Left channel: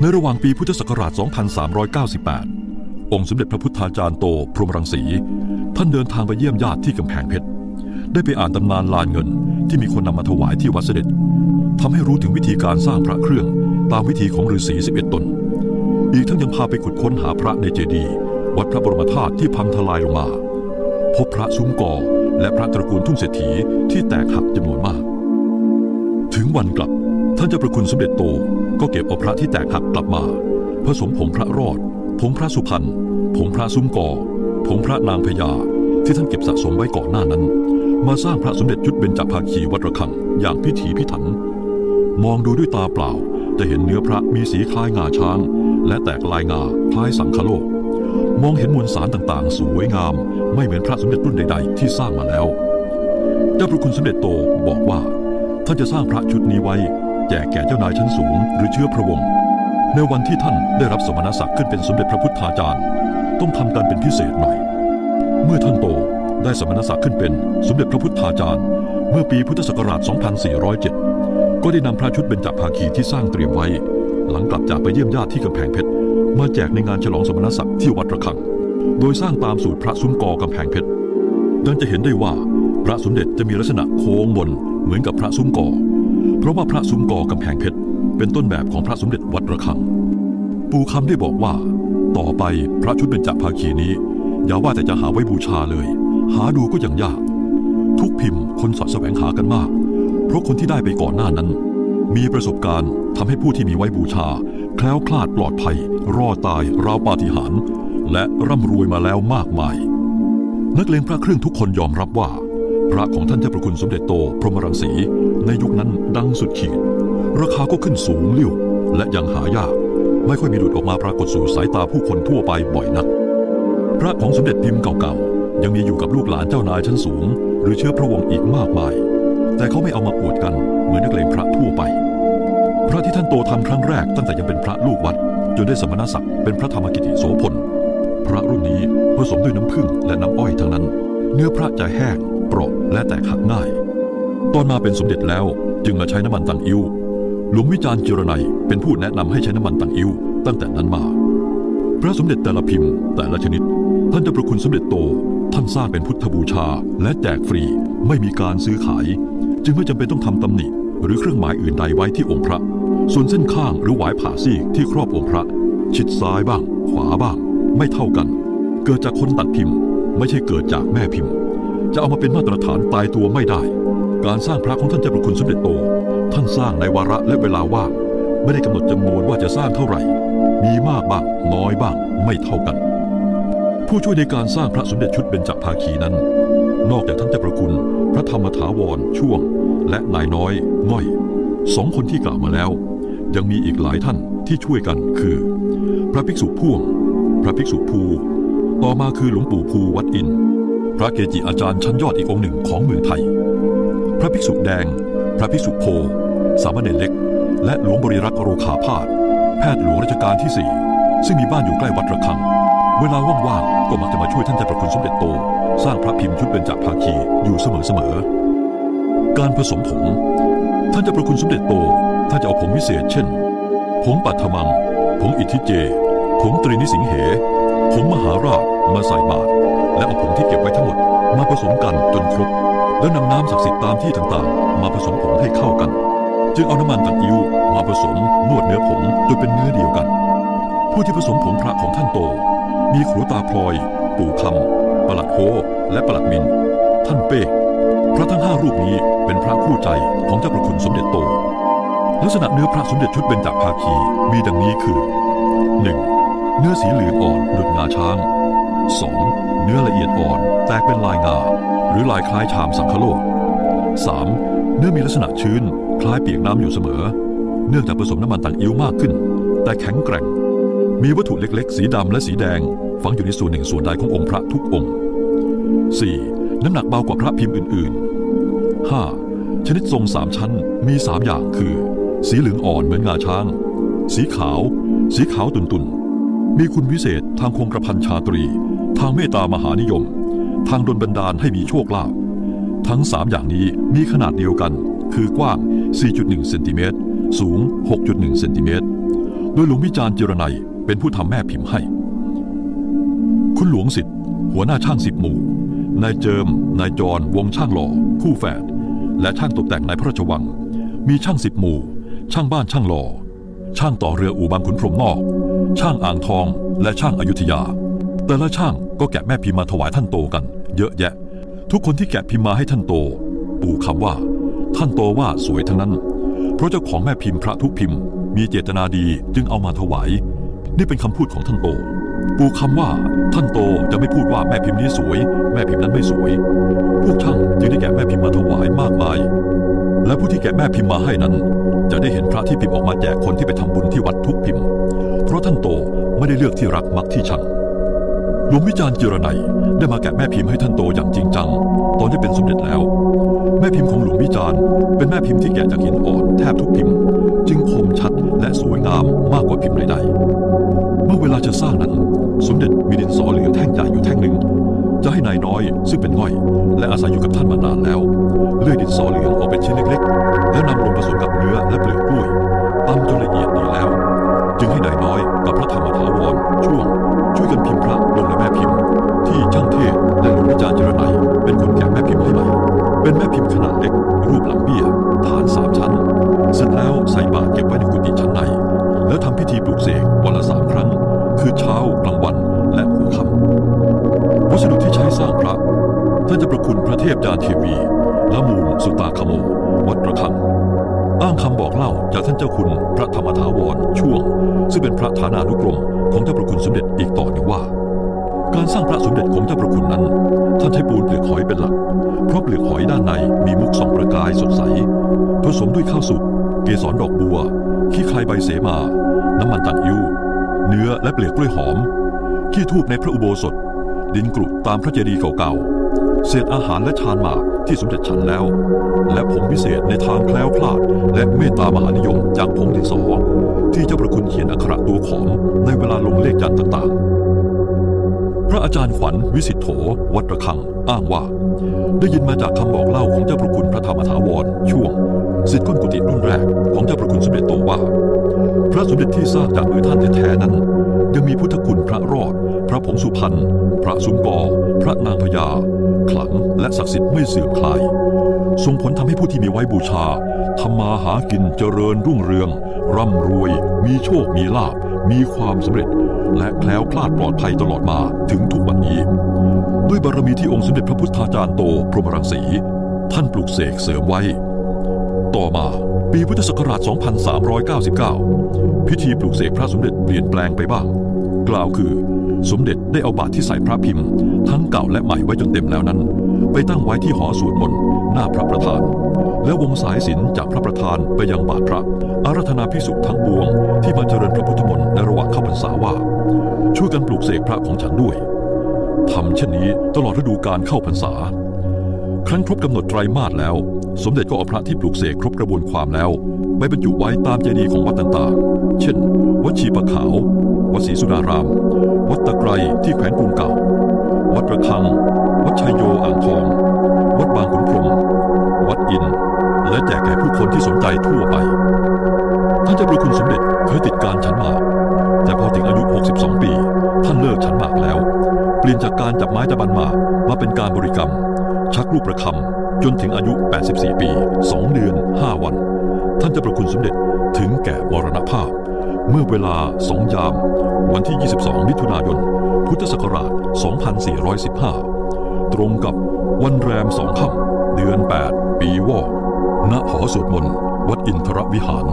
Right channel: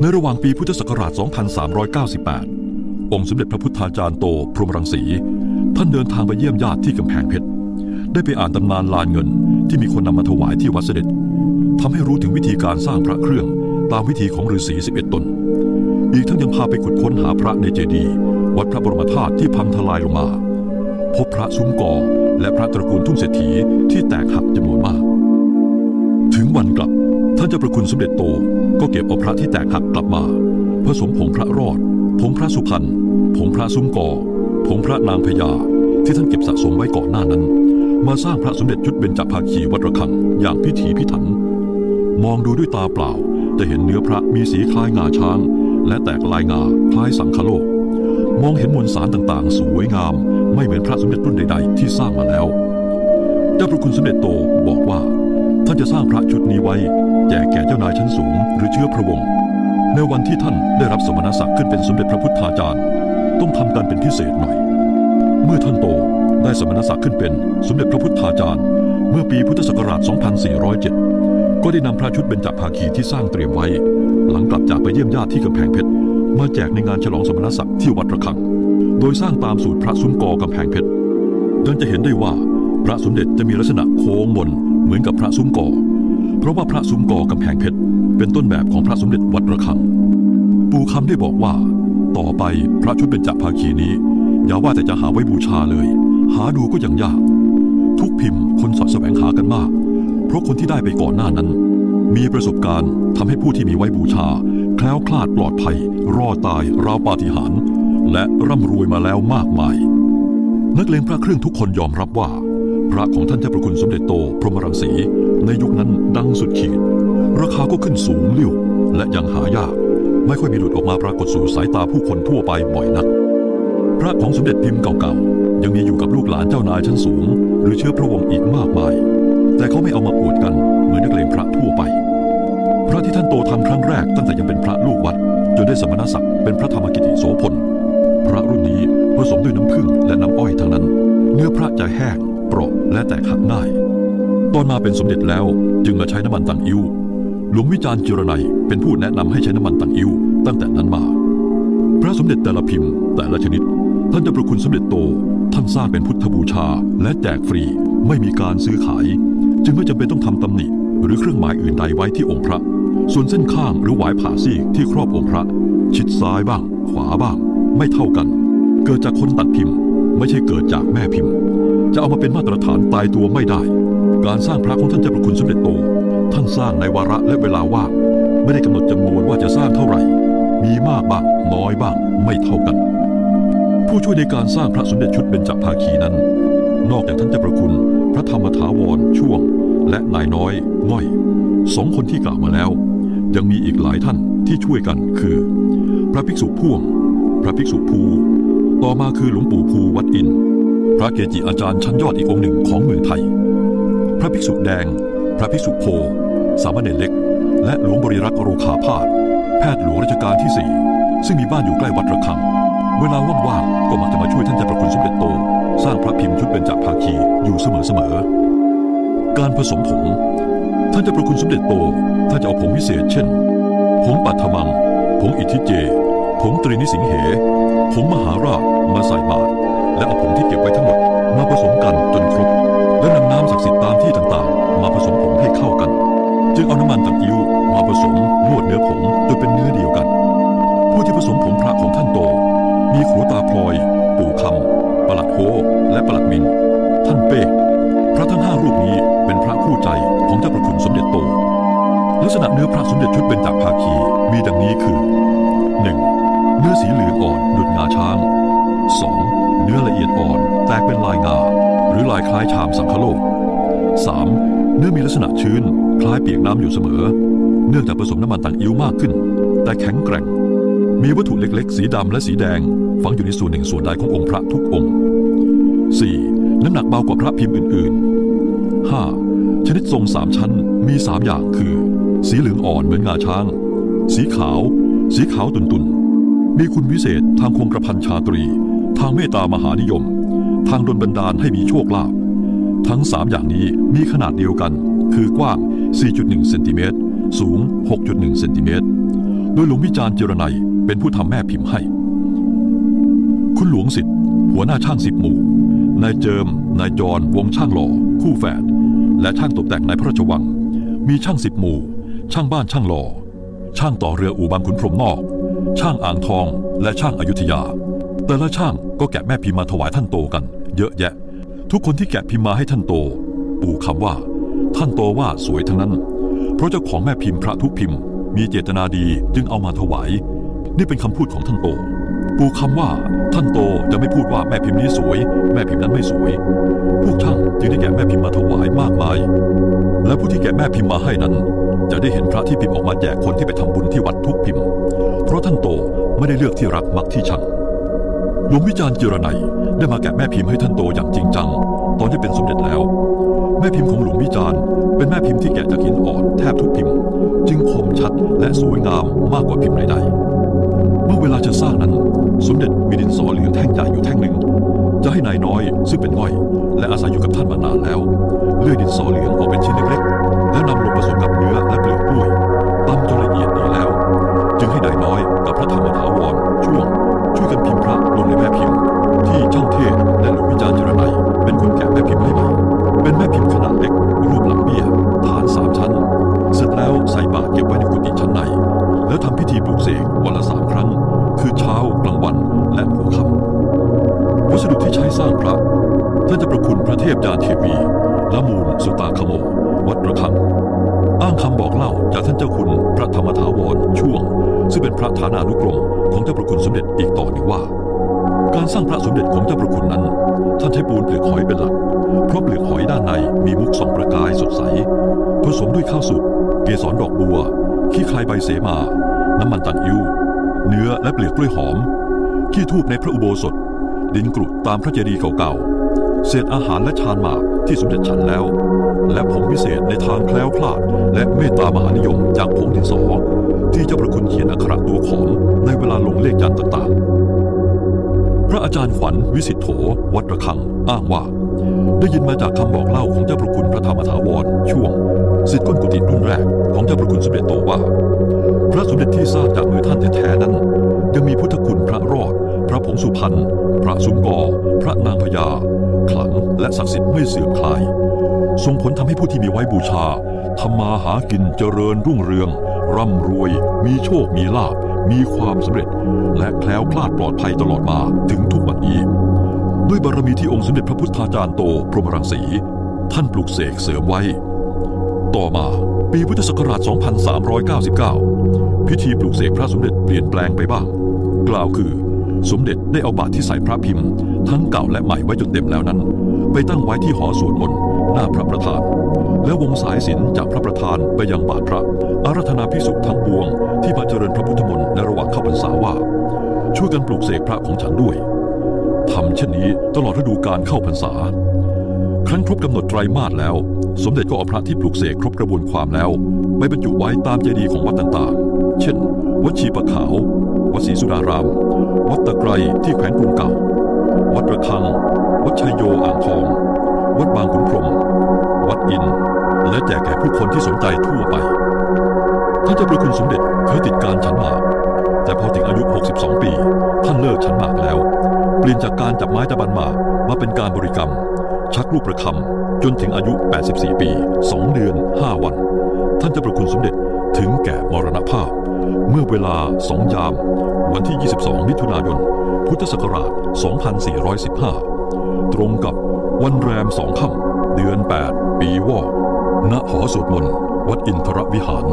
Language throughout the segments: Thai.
ในระหว่างปีพุทธศักราช 2398 องค์สมเด็จพระพุทธาจารย์โต พรหมรังสี ท่านเดินทางไปเยี่ยมญาติที่กำแพงเพชร ได้ไปอ่านตำนานลานเงินที่มีคนนำมาถวายที่วัดเสด็จทำให้รู้ถึงวิธีการสร้างพระเครื่องตามวิธีของฤาษี 11 ตน อีกทั้งยังพาไปขุดค้นหาพระในเจดีย์วัดพระบรมธาตุที่พังทลายลงมา พบพระซุ้มกอและพระตระกูลทุ่งเศรษฐีที่แตกหักจำนวนมาก ถึงวันกลับ ท่านเจ้าประคุณสมเด็จโตก็เก็บเอาพระที่แตกหักกลับมา ผสมผงพระรอด ผงพระสุพรรณผงพระซุ้มกอผงพระนางพญาที่ท่านเก็บสะสมไว้ก่อนหน้านั้น มาสร้างพระสมเด็จชุดเบญจภาคีวัดระฆังอย่างพิถีพิถัน มองดูด้วยตาเปล่าจะเห็นเนื้อพระมีสีคล้ายงาช้าง และแตกลายงาคล้ายสังคโลก มองเห็นมวลสารต่างๆ สวยงาม ไม่เหมือนพระสมเด็จรุ่นใด ๆ ที่สร้างมาแล้ว เจ้าพระคุณสมเด็จโตบอกว่า ท่านจะสร้างพระชุดนี้ไว้ แจกแก่เจ้านายชั้นสูง หรือเชื้อพระวงศ์ในวันที่ท่านได้รับสมณศักดิ์ขึ้นเป็นสมเด็จพระพุทธาจารย์ ต้องทำกันเป็นพิเศษหน่อย เมื่อท่านโตได้สมณศักดิ์ขึ้นเป็นสมเด็จพระพุทธาจารย์ เมื่อปีพุทธศักราช 2407 ก็ได้นำพระชุดเบญจภาคีที่สร้างเตรียมไว้ หลังกลับจากไปเยี่ยมญาติที่กำแพงเพชรมาแจกในงานฉลองสมณศักดิ์ที่วัดระฆัง โดยสร้างตามสูตรพระซุ้มกอกำแพงเพชรดังจะเห็นได้ว่าพระสมเด็จจะมีลักษณะโค้งบนเหมือนกับพระซุ้มกอ เพราะว่าพระซุ้มกอกำแพงเพชรเป็นต้นแบบของพระสมเด็จวัดระฆัง ปู่คำได้บอกว่า ต่อไปพระชุดเบญจภาคีนี้ อย่าว่าแต่จะหาไว้บูชาเลย หาดูก็ยังยาก ทุกพิมพ์คนสอดแสวงหากันมาก เพราะคนที่ได้ไปก่อนหน้านั้น มีประสบการณ์ทำให้ผู้ที่มีไว้บูชา แคล้วคลาดปลอดภัย รอดตายราวปาฏิหาริย์และร่ำรวยมาแล้วมากมาย นักเลงพระเครื่องทุกคนยอมรับว่า พระของท่านเจ้าประคุณสมเด็จโตพรหมรังสี ในยุคนั้นดังสุดขีด ราคาก็ขึ้นสูงเลิ่วและยังหายาก ไม่ค่อยมีหลุดออกมาปรากฏสู่สายตาผู้คนทั่วไปบ่อยนัก พระของสมเด็จพิมพ์เก่าๆ ยังมีอยู่กับลูกหลานเจ้านายชั้นสูง หรือเชื้อพระวงศ์อีกมากมาย แต่เขาไม่เอามาอวดกันเหมือนนักเลงพระทั่วไป พระที่ท่านโตทำครั้งแรกตั้งแต่ยังเป็นพระลูกวัด จนได้สมณศักดิ์เป็นพระธรรมกิติโสพลพระรุ่นนี้ผสมด้วยน้ำผึ้งและน้ำอ้อยทั้งนั้น เนื้อพระจะแห้งเปราะและแตกหักง่าย ตอนมาเป็นสมเด็จแล้วจึงมาใช้น้ำมันตังอิ้วหลวงวิจารณ์จิรนัยเป็นผู้แนะนำให้ใช้น้ำมันตังอิ้วตั้งแต่นั้นมา พระสมเด็จแต่ละพิมพ์แต่ละชนิด ท่านเจะประคุณสมเด็จโต ท่านสร้างเป็นพุทธบูชาและแจกฟรีไม่มีการซื้อขาย จึงไม่จำเป็นต้องทำตำหนิ หรือเครื่องหมายอื่นใดไว้ที่องค์พระ ส่วนเส้นข้างหรือหวายผ่าซีกที่ครอบองค์พระ ชิดซ้ายบ้าง ขวาบ้าง ไม่เท่ากัน เกิดจากคนตัดพิมพ์ ไม่ใช่เกิดจากแม่พิมพ์ จะเอามาเป็นมาตรฐานตายตัวไม่ได้ การสร้างพระของท่านเจ้าประคุณสมเด็จโต ท่านสร้างในวาระและเวลาว่างไม่ได้กำหนดจำนวนว่าจะสร้างเท่าไหร่ มีมากบ้างน้อยบ้างไม่เท่ากัน ผู้ช่วยในการสร้างพระสมเด็จชุดเบญจภาคีนั้น นอกจากท่านเจ้าประคุณ พระธรรมถาวรช่วง และนายน้อยง่อยสองคนที่กล่าวมาแล้ว ยังมีอีกหลายท่านที่ช่วยกันคือ พระภิกษุพ่วง พระภิกษุภู ต่อมาคือหลวงปู่ภูวัดอิน พระเกจิอาจารย์ชั้นยอดอีกองค์หนึ่งของเมืองไทย พระภิกษุแดง พระภิกษุโพ สามเณรเล็ก และหลวงบริรักษ์โรคาพาธแพทย์หลวงรัชกาลที่สี่ซึ่งมีบ้านอยู่ใกล้วัดระฆัง เวลาว่างๆก็มักจะมาช่วยท่านเจ้าประคุณสมเด็จโต สร้างพระพิมพ์ชุดเบญจภาคีอยู่เสมอๆการผสมผง ท่านเจ้าประคุณสมเด็จโตท่านจะเอาผงวิเศษ เช่น ผงปัทมัง ผงอิทธิเจ ผงตรีนิสิงเห ผงมหาราชมาใส่บาตรและเอาผงที่เก็บไว้ทั้งหมดมาผสมกันจนครบ แล้วนำน้ำศักดิ์สิทธิ์ตามที่ต่างๆ มาผสมผงให้เข้ากัน จึงเอาน้ำมันตังอิ้วมาผสมนวดเนื้อผงจนเป็นเนื้อเดียวกัน ผู้ที่ผสมผงพระของท่านโต มีขรูตาพลอย ปู่คำประหลัดโฮและประหลัดมิน ท่านเป้พระทั้งห้ารูปนี้เป็นพระคู่ใจของเจ้าประคุณสมเด็จโต ลักษณะเนื้อพระสมเด็จชุดเบญจภาคีมีดังนี้คือ 1. เนื้อสีเหลืองอ่อนดุจงาช้าง 2. เนื้อละเอียดอ่อนแตกเป็นลายงา รือลายคล้ายชามสังคโลก 3. เนื้อมีลักษณะชื้น คล้ายเปียกน้ำอยู่เสมอ เนื่องจากผสมน้ำมันต่างอิ้วมากขึ้น แต่แข็งแกร่ง มีวัตถุเล็กๆ สีดำและสีแดง ฝังอยู่ในส่วนหนึ่งส่วนใดขององค์พระทุกองค์ 4. น้ำหนักเบากว่าพระพิมพ์อื่นๆ 5. ชนิดทรงสามชั้นมีสามอย่างคือ สีเหลืองอ่อนเหมือนงาช้าง สีขาว สีขาวตุนๆมีคุณวิเศษทางคงกระพันชาตรี ทางเมตตามหานิยม ทางดลบันดาลให้มีโชคลาภทั้ง 3 อย่างนี้มีขนาดเดียวกัน คือกว้าง 4.1 เซนติเมตร สูง 6.1 เซนติเมตร โดยหลวงวิจารณ์เจรไนยเป็นผู้ทำแม่พิมพ์ให้ คุณหลวงสิทธิ์ หัวหน้าช่างสิบหมู่ นายเจิม นายจร วงช่างหล่อ คู่แฝด และช่างตกแต่งในพระราชวัง มีช่างสิบหมู่ ช่างบ้านช่างหล่อ ช่างต่อเรืออู่บางขุนพรมนอก ช่างอ่างทอง และช่างอายุทยา แต่ละช่างก็แกะแม่พิมพ์มาถวายท่านโตกัน เยอะแยะ ทุกคนที่แกะพิมพ์มาให้ท่านโต ปู่คำว่า ท่านโตว่าสวยทั้งนั้น เพราะเจ้าของแม่พิมพ์พระทุกพิมพ์ มีเจตนาดีจึงเอามาถวาย นี่เป็นคำพูดของท่านโต ปู่คำว่า ท่านโตจะไม่พูดว่าแม่พิมพ์นี้สวย แม่พิมพ์นั้นไม่สวย พวกช่างจึงได้แกะแม่พิมพ์มาถวายมากมาย และผู้ที่แกะแม่พิมพ์มาให้นั้น จะได้เห็นพระที่พิมพ์ออกมาแจกคนที่ไปทำบุญที่วัดทุกพิมพ์ เพราะท่านโตไม่ได้เลือกที่รักมักที่ชัง หลวงวิจารณ์เจรไนยได้มาแกะแม่พิมพ์ให้ท่านโตอย่างจริงจัง ตอนที่เป็นสมเด็จแล้ว แม่พิมพ์ของหลวงวิจารณ์เป็นแม่พิมพ์ที่แกะจากหินอ่อนแทบทุกพิมพ์ จึงคมชัดและสวยงามมากกว่าพิมพ์ใดๆ เมื่อเวลาจะสร้างนั้น สมเด็จมีดินสอเหลืองแท่งใหญ่อยู่แท่งหนึ่ง จะให้นายน้อยซึ่งเป็นง่อย และอาศัยอยู่กับท่านมานานแล้ว เลื่อยดินสอเหลืองออกเป็นชิ้นเล็กๆ แล้วนำลงผสมกับเนื้อและเปลือกกล้วย พิธีปลุกเสกวันละสามครั้ง คือเช้ากลางวันและหัวค่ำวัสดุที่ใช้สร้างพระ ท่านจะประคุณพระเทพยานเทวีละมูลสุตาคโม วัดระฆัง อ้างคำบอกเล่าจากท่านเจ้าคุณพระธรรมถาวรช่วง ซึ่งเป็นพระฐานานุกรมของเจ้าประคุณสมเด็จอีกต่อหนึ่งว่า การสร้างพระสมเด็จของเจ้าประคุณนั้น ท่านใช้ปูนเปลือกหอยเป็นหลัก เพราะเปลือกหอยด้านในมีมุกสองประกายสดใส ผสมด้วยข้าวสุกเกสรดอกบัว ขี้คลายใบเสมา น้ำมันตังอิ้วเนื้อและเปลือกกล้วยหอม ขี้ทูบในพระอุโบสถ ดินกรุตามพระเจดีย์เก่าๆ เศษอาหารและชานหมากที่สมเด็จฉันแล้ว และผงพิเศษในทางแคล้วคลาด และเมตตามหานิยมจากผงดินสอ ที่เจ้าประคุณเขียนอักขระตัวขอมในเวลาลงเลขยันต่างๆ พระอาจารย์ขวัญวิสิทธโธวัดระฆังอ้างว่า ได้ยินมาจากคำบอกเล่าของเจ้าประคุณพระธรรมถาวรช่วง สิทธิ์ก้นกุฏิรุ่นแรกของเจ้าประคุณสมเด็จโตว่า พระสมเด็จที่สร้างจากมือท่านแท้ๆนั้น ยังมีพุทธคุณพระรอด พระผงสุพรรณพระสุนกอพระนางพญาขลังและศักดิ์สิทธิ์ไม่เสื่อมคลายส่งผลทำให้ผู้ที่มีไว้บูชาทำมาหากินเจริญรุ่งเรือง ร่ำรวย มีโชคมีลาบ มีความสำเร็จ และแคล้วคลาดปลอดภัยตลอดมาถึงทุกวันนี้ ด้วยบารมีที่องค์สมเด็จพระพุทธาจารย์โต พรหมรังสี ท่านปลุกเสกเสริมไว้ ต่อมาปีพุทธศักราช 2399 พิธีปลุกเสกพระสมเด็จเปลี่ยนแปลงไปบ้าง กล่าวคือ สมเด็จได้เอาบาตรที่ใส่พระพิมพ์ ทั้งเก่าและใหม่ไว้จนเต็มแล้วนั้น ไปตั้งไว้ที่หอสวดมนต์หน้าพระประธาน และวงสายสิญจนจากพระประธานไปยังบาทพระอารัธนาพิสุทั้งปวง ที่มาเจริญพระพุทธมนต์ในระหว่างเข้าพรรษาว่า ช่วยกันปลูกเสกพระของฉันด้วยทำเช่นนี้ตลอดฤดูการเข้าพรรษา ครั้นครบกำหนดไตรมาสแล้ว สมเด็จก็เอาพระที่ปลูกเสกครบกระบวนความแล้วไปบรรจุไว้ตามเจดีย์ของวัดต่างๆ เช่น วัดชีปะขาว วัดศรีสุดาราม วัดตะไครที่แขวนกรุงเก่า วัดระฆัง วัดชัยโยอ่างทอง วัดบางขุนพรม วัดอิน และแจกแก่ผู้คนที่สนใจทั่วไป ท่านเจ้าประคุณสมเด็จเคยติดการฉันหมาก แต่พอถึงอายุ 62 ปี ท่านเลิกฉันหมากแล้ว เปลี่ยนจากการจับไม้ตะบันหมากมาเป็นการบริกรรม ชักลูกประคำ จนถึงอายุ 84 ปี 2 เดือน 5 วัน ท่านจะประคุณสมเด็จถึงแก่มรณภาพ เมื่อเวลา2ยาม วันที่ 22 มิถุนายน พุทธศักราช 2415 ตรงกับวันแรมสองค่ำเดือน 8 ปีวอกณหอสวดมนต์ วัดอินทรวิหาร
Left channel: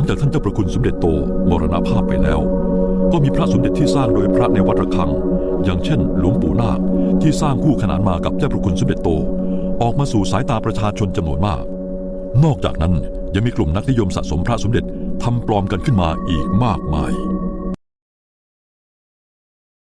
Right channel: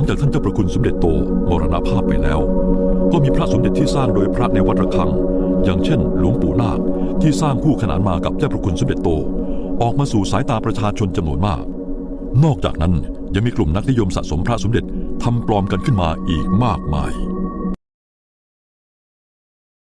ลังจากท่านเจ้าประคุณสมเด็จโตมรณภาพไปแล้ว ก็มีพระสมเด็จที่สร้างโดยพระในวัดระฆัง อย่างเช่น หลวงปู่นาคที่สร้างคู่ขนานมากับเจ้าประคุณสมเด็จโต ออกมาสู่สายตาประชาชนจำนวนมาก นอกจากนั้นยังมีกลุ่มนักนิยมสะสมพระสมเด็จทำปลอมกันขึ้นมาอีกมากมาย